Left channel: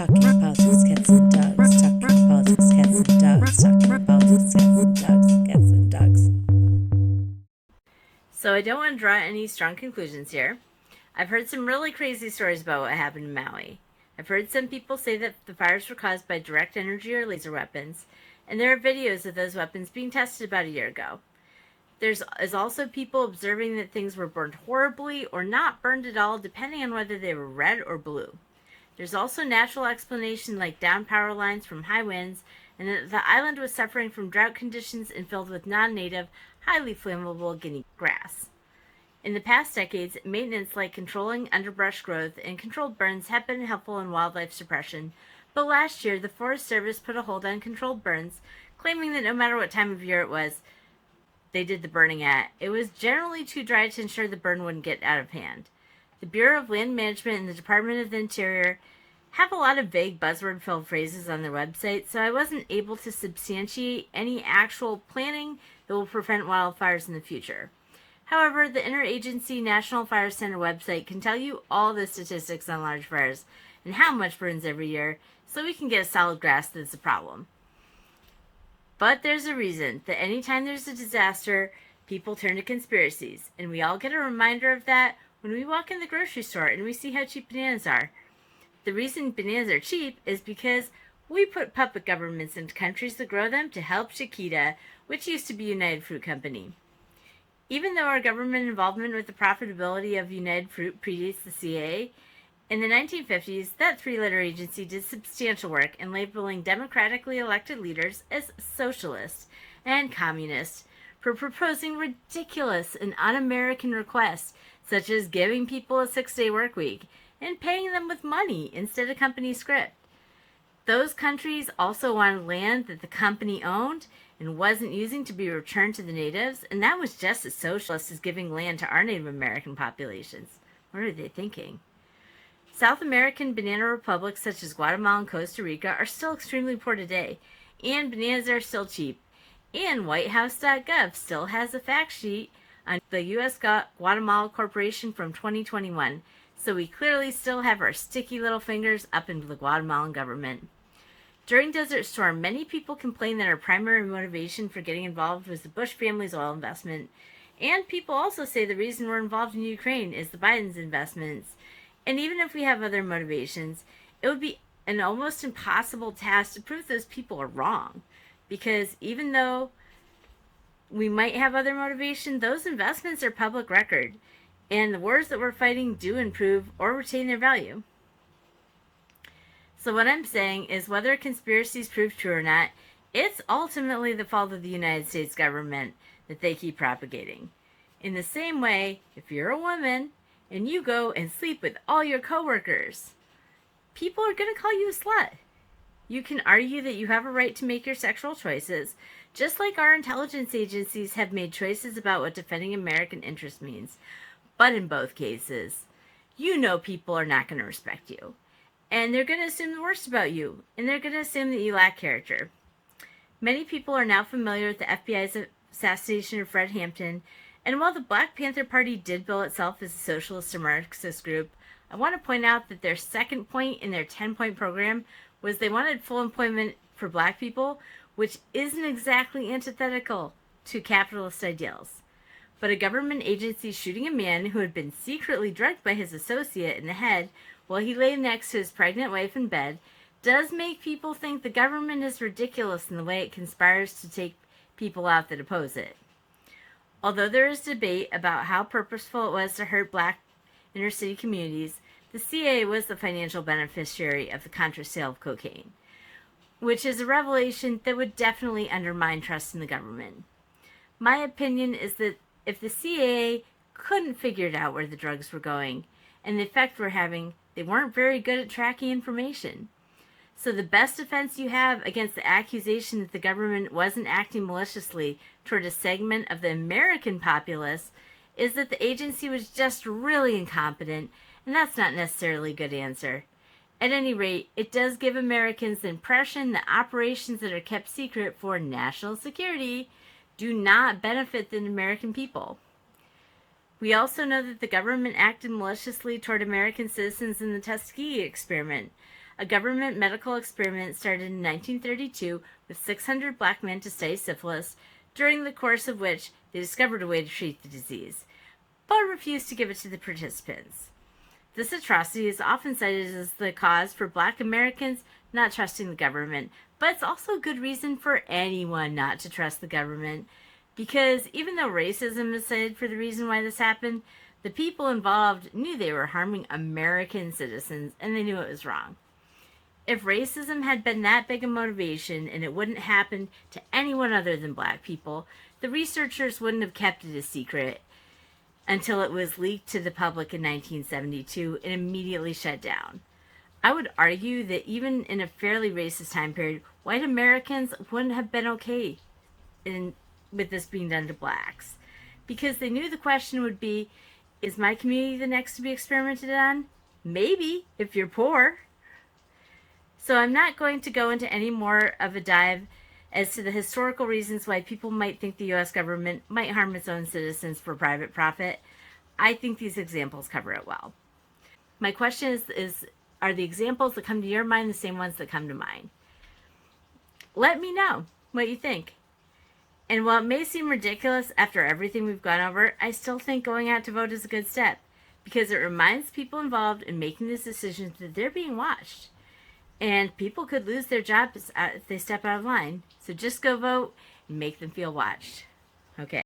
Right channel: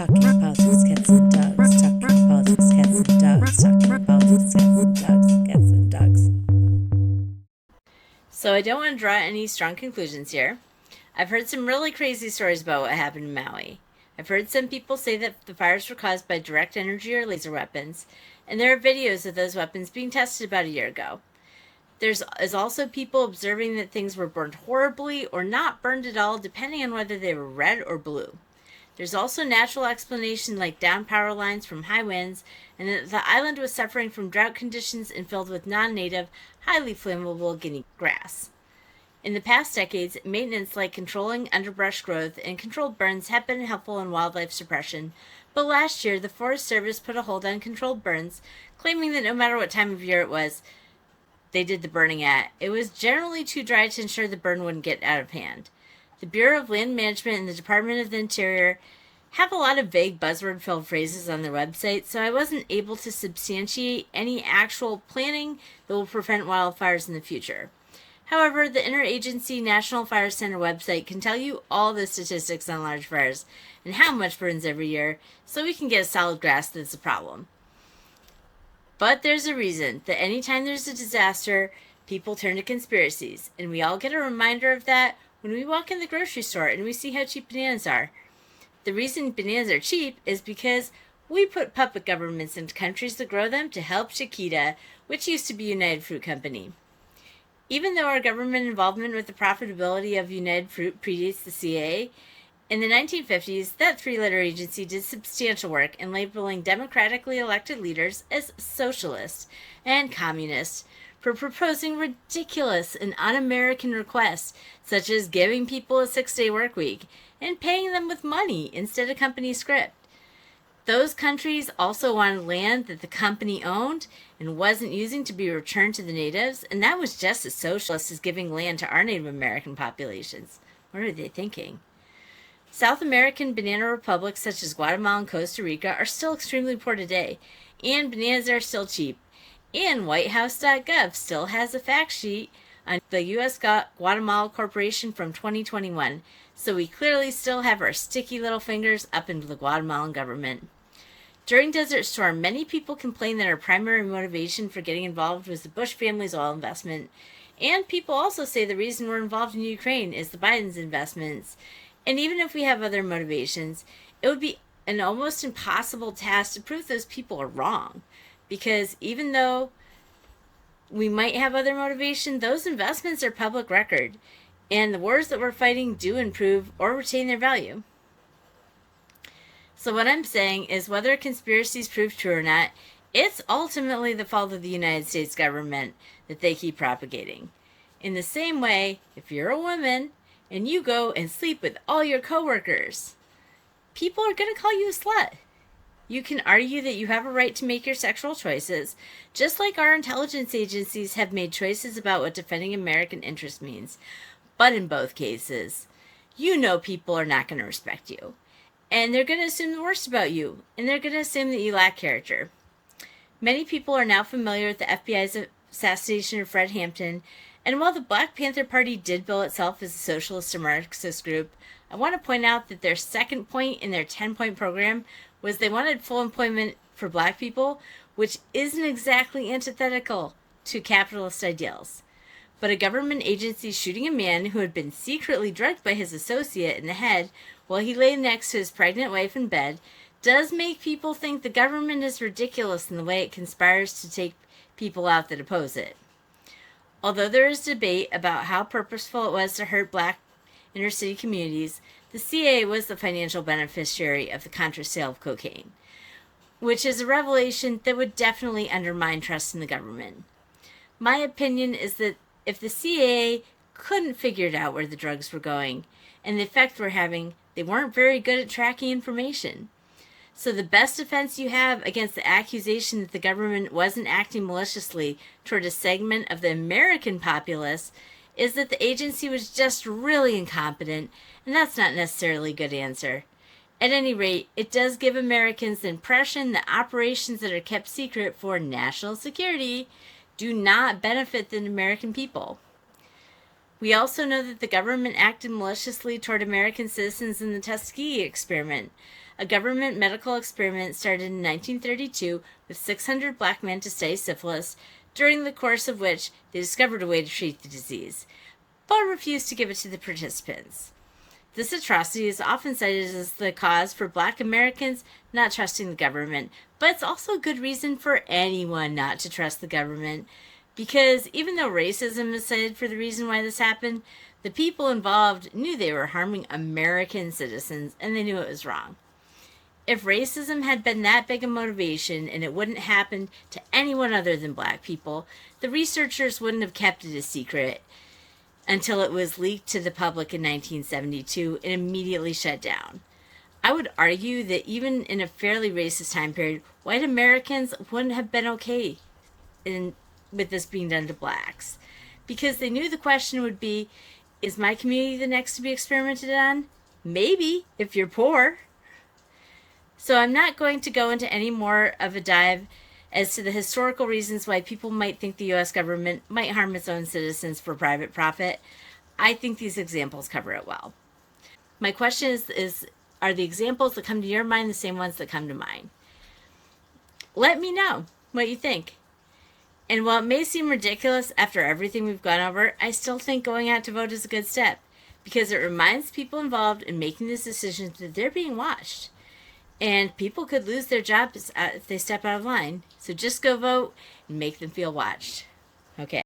Talking politics, cats and dogs. Talking politics, cats and dogs. Talking politics, cats and dogs. Cats and dogs. So I don't want to draw any strong conclusions here. I've heard some really crazy stories about what happened in Maui. I've heard some people say that the fires were caused by direct energy or laser weapons, and there are videos of those weapons being tested about a year ago. There's also people observing that things were burned horribly or not burned at all, depending on whether they were red or blue. There's also natural explanation like down power lines from high winds, and that the island was suffering from drought conditions and filled with non-native, highly flammable guinea grass. In the past decades, maintenance like controlling underbrush growth and controlled burns have been helpful in wildlife suppression, but last year the Forest Service put a hold on controlled burns, claiming that no matter what time of year it was they did the burning at, it was generally too dry to ensure the burn wouldn't get out of hand. The Bureau of Land Management and the Department of the Interior have a lot of vague buzzword-filled phrases on their website, so I wasn't able to substantiate any actual planning that will prevent wildfires in the future. However, the Interagency National Fire Center website can tell you all the statistics on large fires and how much burns every year, so we can get a solid grasp that it's a problem. But there's a reason that anytime there's a disaster, people turn to conspiracies, and we all get a reminder of that when we walk in the grocery store and we see how cheap bananas are. The reason bananas are cheap is because we put puppet governments into countries that grow them to help Chiquita, which used to be United Fruit Company. Even though our government involvement with the profitability of United Fruit predates the CAA, in the 1950s, that three-letter agency did substantial work in labeling democratically elected leaders as socialist and communist for proposing ridiculous and un-American requests, such as giving people a 6-day work week and paying them with money instead of company script. Those countries also wanted land that the company owned and wasn't using to be returned to the natives, and that was just as socialist as giving land to our Native American populations. What are they thinking? South American banana republics such as Guatemala and Costa Rica are still extremely poor today, and bananas are still cheap. And WhiteHouse.gov still has a fact sheet on the U.S. Guatemala Corporation from 2021, so we clearly still have our sticky little fingers up into the Guatemalan government. During Desert Storm, many people complained that our primary motivation for getting involved was the Bush family's oil investment, and people also say the reason we're involved in Ukraine is the Biden's investments. And even if we have other motivations, it would be an almost impossible task to prove those people are wrong. Because even though we might have other motivation, those investments are public record. And the wars that we're fighting do improve or retain their value. So what I'm saying is whether conspiracies prove true or not, it's ultimately the fault of the United States government that they keep propagating. In the same way, if you're a woman and you go and sleep with all your coworkers, people are going to call you a slut. You can argue that you have a right to make your sexual choices, just like our intelligence agencies have made choices about what defending American interest means. But in both cases, you know people are not going to respect you. And they're going to assume the worst about you. And they're going to assume that you lack character. Many people are now familiar with the FBI's assassination of Fred Hampton. And while the Black Panther Party did bill itself as a socialist or Marxist group, I want to point out that their second point in their 10-point program was they wanted full employment for black people, which isn't exactly antithetical to capitalist ideals. But a government agency shooting a man who had been secretly drugged by his associate in the head while he lay next to his pregnant wife in bed does make people think the government is ridiculous in the way it conspires to take people out that oppose it. Although there is debate about how purposeful it was to hurt black inner city communities, the CAA was the financial beneficiary of the Contra sale of cocaine, which is a revelation that would definitely undermine trust in the government. My opinion is that if the CAA couldn't figure it out where the drugs were going and the effect we're having, they weren't very good at tracking information. So the best defense you have against the accusation that the government wasn't acting maliciously toward a segment of the American populace is that the agency was just really incompetent, and that's not necessarily a good answer. At any rate, it does give Americans the impression that operations that are kept secret for national security do not benefit the American people. We also know that the government acted maliciously toward American citizens in the Tuskegee experiment, a government medical experiment started in 1932 with 600 black men to study syphilis, during the course of which they discovered a way to treat the disease, but refused to give it to the participants. This atrocity is often cited as the cause for black Americans not trusting the government, but it's also a good reason for anyone not to trust the government, because even though racism is cited for the reason why this happened, the people involved knew they were harming American citizens and they knew it was wrong. If racism had been that big a motivation and it wouldn't happen to anyone other than black people, the researchers wouldn't have kept it a secret until it was leaked to the public in 1972 and immediately shut down. I would argue that even in a fairly racist time period, white Americans wouldn't have been okay with this being done to blacks, because they knew the question would be, is my community the next to be experimented on? Maybe, if you're poor. So I'm not going to go into any more of a dive as to the historical reasons why people might think the U.S. government might harm its own citizens for private profit. I think these examples cover it well. My question is are the examples that come to your mind the same ones that come to mine? Let me know what you think. And while it may seem ridiculous after everything we've gone over, I still think going out to vote is a good step, because it reminds people involved in making these decisions that they're being watched. And people could lose their jobs if they step out of line. So just go vote and make them feel watched. Okay.